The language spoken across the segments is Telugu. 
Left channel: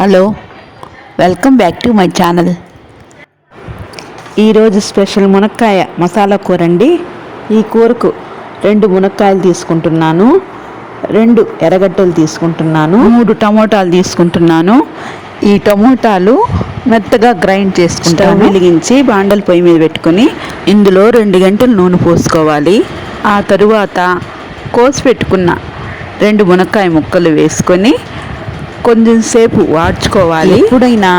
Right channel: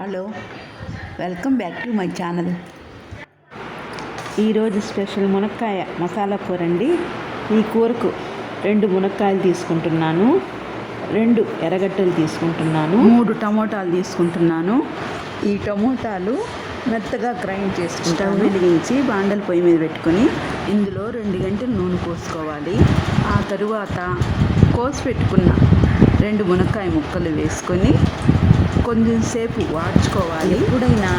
Hello welcome back to my channel. ఈరోజు స్పెషల్ మునక్కాయ మసాలా కూర అండి. ఈ కూరకు రెండు మునక్కాయలు తీసుకుంటున్నాను రెండు ఎర్రగడ్డలు తీసుకుంటున్నాను మూడు టమోటాలు తీసుకుంటున్నాను. ఈ టమోటాలు మెత్తగా గ్రైండ్ చేసుకుంటాను. వెలిగించి బాండల పొయ్యి మీద పెట్టుకుని ఇందులో రెండు గంటలు నూనె పోసుకోవాలి. ఆ తరువాత కోసి పెట్టుకున్న రెండు మునక్కాయ ముక్కలు వేసుకొని కొంచెం సేపు వాడ్చుకోవాలి ఎప్పుడైనా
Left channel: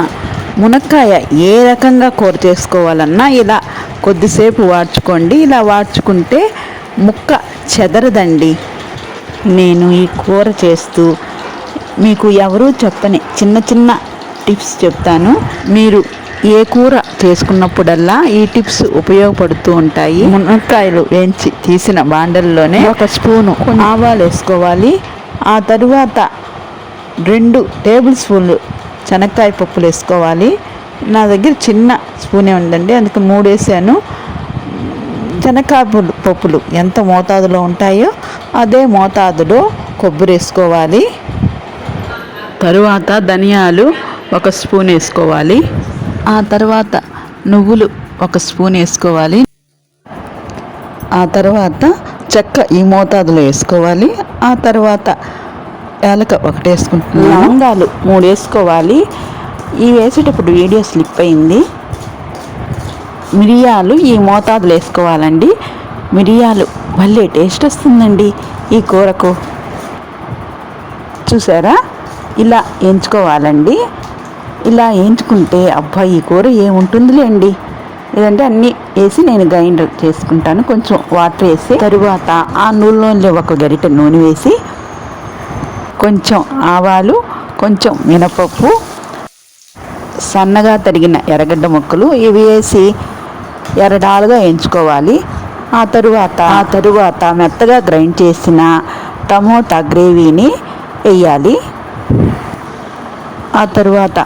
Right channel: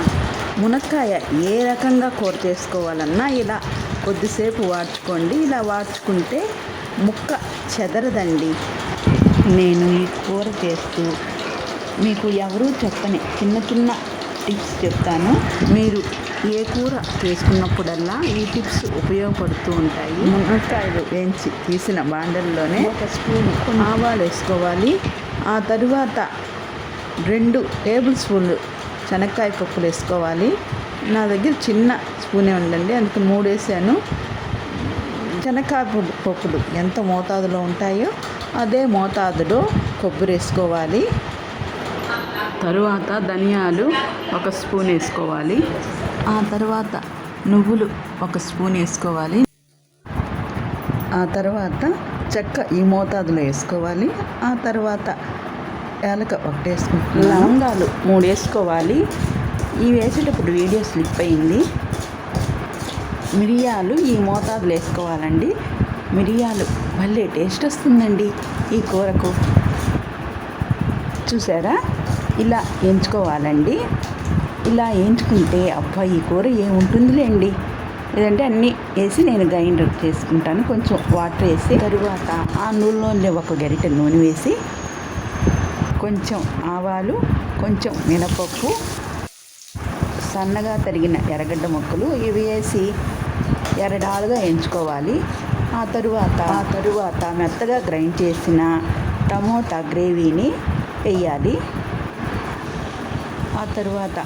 మునక్కాయ ఏ రకంగా కూర చేసుకోవాలన్నా ఇలా కొద్దిసేపు వాడ్చుకోండి ఇలా వాడ్చుకుంటే ముక్క చెదరదండి. నేను ఈ కూర చేస్తూ మీకు ఎవరూ చెప్పని చిన్న చిన్న టిప్స్ చెప్తాను. మీరు ఏ కూర చేసుకున్నప్పుడల్లా ఈ టిప్స్ ఉపయోగపడుతూ ఉంటాయి. మునక్కాయలు వేయించి తీసిన బాండల్లోనే ఒక స్పూను ఆవాలు వేసుకోవాలి. ఆ తరువాత రెండు టేబుల్ స్పూన్లు శనక్కాయ పప్పులు వేసుకోవాలి. నా దగ్గర చిన్న స్పూనే ఉందండి అందుకు మూడు వేసాను. శనక్కాయ పప్పులు ఎంత మోతాదులో ఉంటాయో అదే మోతాదులో కొబ్బరి వేసుకోవాలి. తరువాత ధనియాలు ఒక స్పూన్ వేసుకోవాలి. ఆ తర్వాత నువ్వులు ఒక స్పూన్ వేసుకోవాలి. ఆ తర్వాత చెక్క ఈ మోతాదులో వేసుకోవాలి. ఆ తర్వాత యాలక ఒకటి వేసుకుంటున్నాను లవంగాలు మూడు వేసుకోవాలి ఈ వేసేటప్పుడు వీడియో స్లిప్ అయింది. మిరియాలు ఈ మోతాదులో వేసుకోవాలండి. మిరియాలు భలే టేస్ట్ వస్తుందండి ఈ కూరకు. చూసారా? ఇలా ఎంచుకోవాలండి. ఇలా ఎంచుకుంటే అబ్బా ఈ కూర ఏముంటుందిలేండి. లేదంటే అన్నీ వేసి నేను గ్రైండర్ చేసుకుంటాను. కొంచెం వాటర్ వేసి తరువాత ఆ నూనెలో ఒక గరిటె నూనె వేసి కొంచెం ఆవాలు కొంచెం మినపప్పు సన్నగా తరిగిన ఎర్రగడ్డ ముక్కలు ఇవి వేసి ఎర్రడాలుగా ఎంచుకోవాలి. ఆ తరువాత ఆ తరువాత మెత్తగా గ్రైండ్ చేసిన టమోటా గ్రేవీని వేయాలి. ఆ తరువాత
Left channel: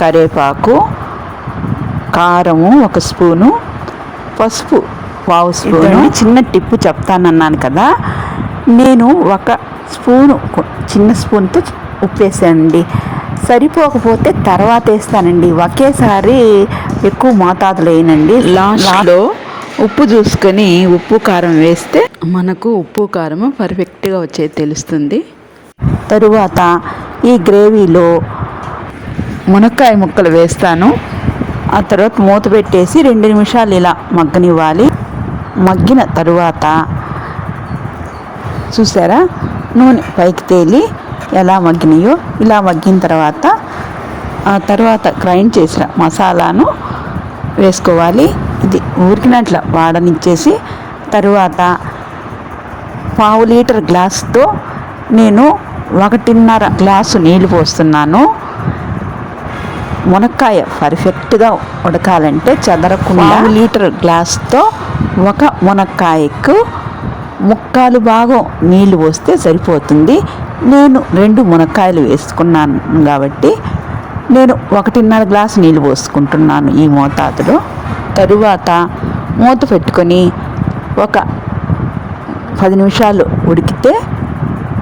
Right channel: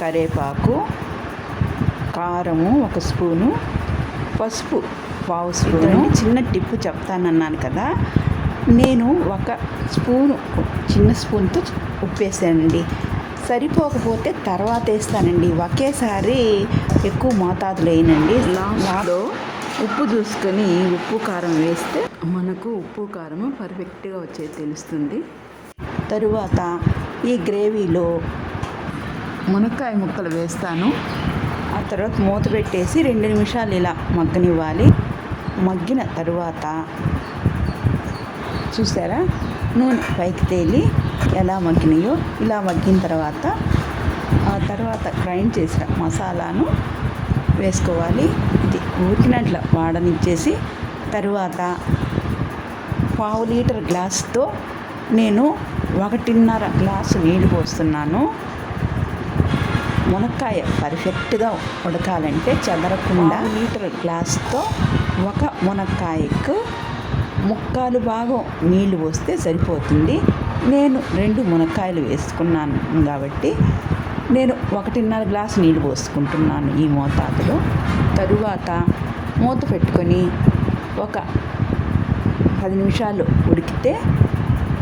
కరివేపాకు కారము ఒక స్పూను పసుపు పావు స్పూను. చిన్న టిప్పు చెప్తానన్నాను కదా. నేను ఒక స్పూను చిన్న స్పూన్తో ఉప్పు వేసానండి సరిపోకపోతే తర్వాత వేస్తానండి. ఒకేసారి ఎక్కువ మోతాదులో వేయనండి లాస్ట్లో ఉప్పు చూసుకొని ఉప్పు కారం వేస్తే మనకు ఉప్పు కారం పర్ఫెక్ట్గా వచ్చేది తెలుస్తుంది. తరువాత ఈ గ్రేవీలో మునక్కాయ ముక్కలు వేస్తాను. ఆ తర్వాత మూత పెట్టేసి రెండు నిమిషాలు ఇలా మగ్గనివ్వాలి. మగ్గిన తరువాత చూసారా? నూనె పైకి తేలి ఎలా మగ్గినాయో ఇలా మగ్గిన తర్వాత ఆ తర్వాత గ్రైండ్ చేసిన మసాలాను వేసుకోవాలి. ఇది ఊరికినట్ల వాడనిచ్చేసి తరువాత పావు లీటర్ గ్లాస్తో నేను ఒకటిన్నర గ్లాసు నీళ్ళు పోస్తున్నాను. మునక్కాయ పర్ఫెక్ట్గా ఉడకాలంటే చెదరకుండా లీటర్ గ్లాస్తో ఒక మునక్కాయకు ముక్కాలు భాగం నీళ్ళు పోస్తే సరిపోతుంది. నేను రెండు మునక్కాయలు వేసుకున్నాను కాబట్టి నేను ఒకటిన్నర గ్లాసు నీళ్ళు పోసుకుంటున్నాను ఈ మోతాదులో. తరువాత మూత పెట్టుకొని ఒక పది నిమిషాలు ఉడికితే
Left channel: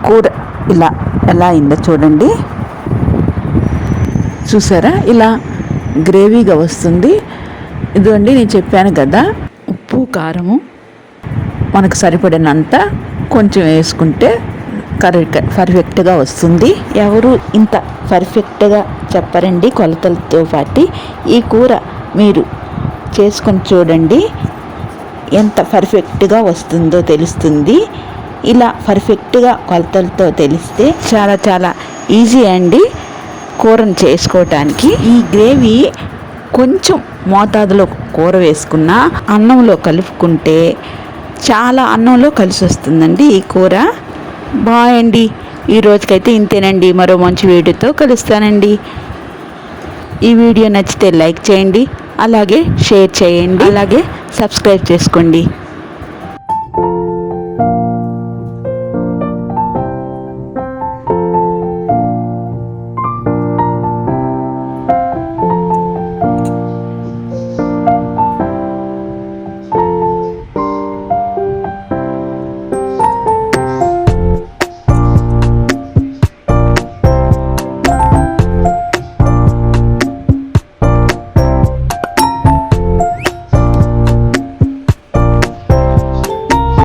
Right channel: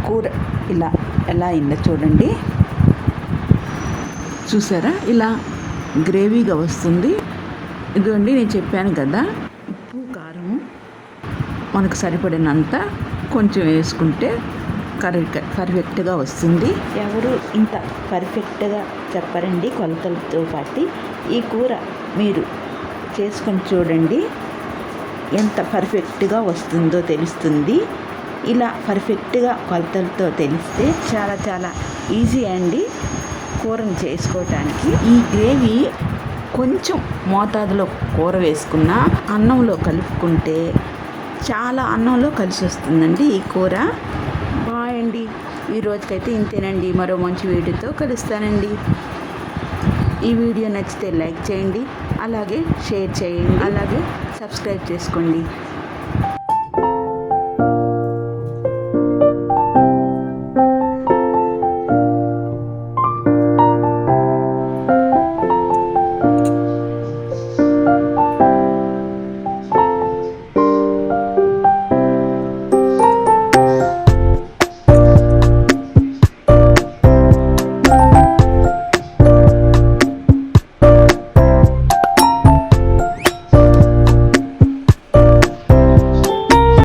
కూర ఇలా ఎలా అయిందో చూడండి. చూసారా? ఇలా గ్రేవీగా వస్తుంది. ఇదిగోండి నేను చెప్పాను కదా ఉప్పు కారము మనకు సరిపడినంత కొంచెం వేసుకుంటే కరెక్ట్ పర్ఫెక్ట్గా వస్తుంది. ఎవరు ఇంత పర్ఫెక్ట్గా చెప్పరండి కొలతలతో పాటు. ఈ కూర మీరు చేసుకొని చూడండి ఎంత పర్ఫెక్ట్గా వస్తుందో తెలుస్తుంది. ఇలా పర్ఫెక్ట్గా కొలతలతో తెలిస్తే చాలా చాలా ఈజీ అండి కూరను చేసుకోవటానికి. ఈ గ్రేవీ కొంచెం మోతాదులో కూర వేసుకున్న అన్నంలో కలుపుకుంటే చాలా అన్నంలో కలిసి వస్తుందండి ఈ కూర. బాయ్ అండి. ఈ రోజుకైతే ఇంతేనండి. మరో మంచి వీడియోతో కలుస్తానండి. ఈ వీడియో నచ్చితే లైక్ చేయండి. అలాగే షేర్ చేయండి. అలాగే సబ్స్క్రైబ్ చేసుకోండి.